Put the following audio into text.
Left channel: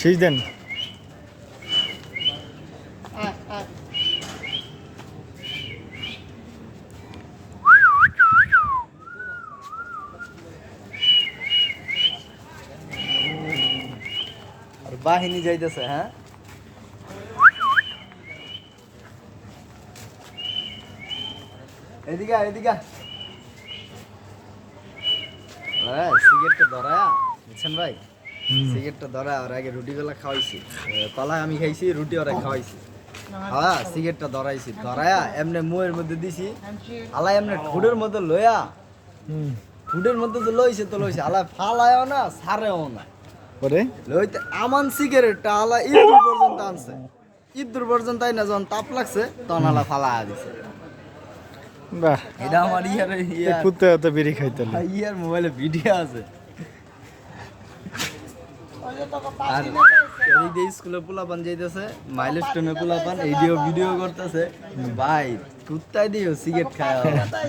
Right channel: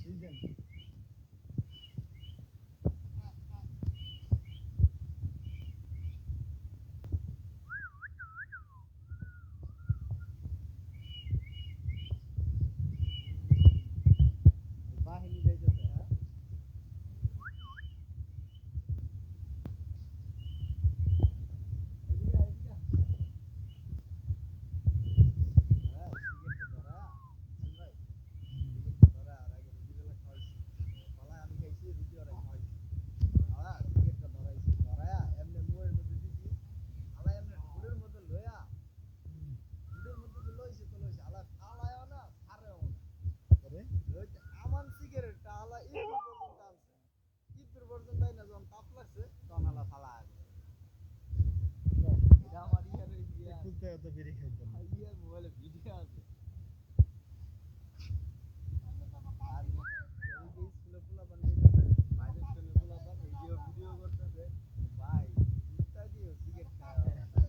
শীষ দেন। আর বাহিনী যাইতেছে। হ্যাঁ, এদিকে এদিকে সিগারেটটা ধরা বুঝছেন ভাই, সিগারেটটা ধরা আর আগে রুটিগুলা খাওয়াইছি, কলা আমি খাইছি, রুটি ওরা খাওয়াইছি, হ্যাঁ সিগারেটটা ধরাইছি, ধরায়া এমনি মুয়ের মধ্যে দিছি, আলাই এমনি ঠোঁটের মধ্যে লইয়া, ঠোঁটের মধ্যে তো লইছে তো লইছে, আলাই ফালায়ও না সারেও না, পরে লইতে আমান সিগারেটটা আলা ইঁদুর পর্যন্ত আনছে, ইঁদুর পর্যন্ত আই না যখন তাপ লাগছে তখন আলা ফালায়া দিছে। বাহ, এটা আমার কুত্তে তো বিড়ি খাইতে হলো। ইয়ার মোবাইলে ভিডিও আছে। আর এদিক দিয়ে স্কুলে পোলাপান যাইতেছে, মাইলস্টোনে পোলাপান এইডিও ভিডিও করতেছে, ভাই কুত্তায় দিও সিগারেট খায়।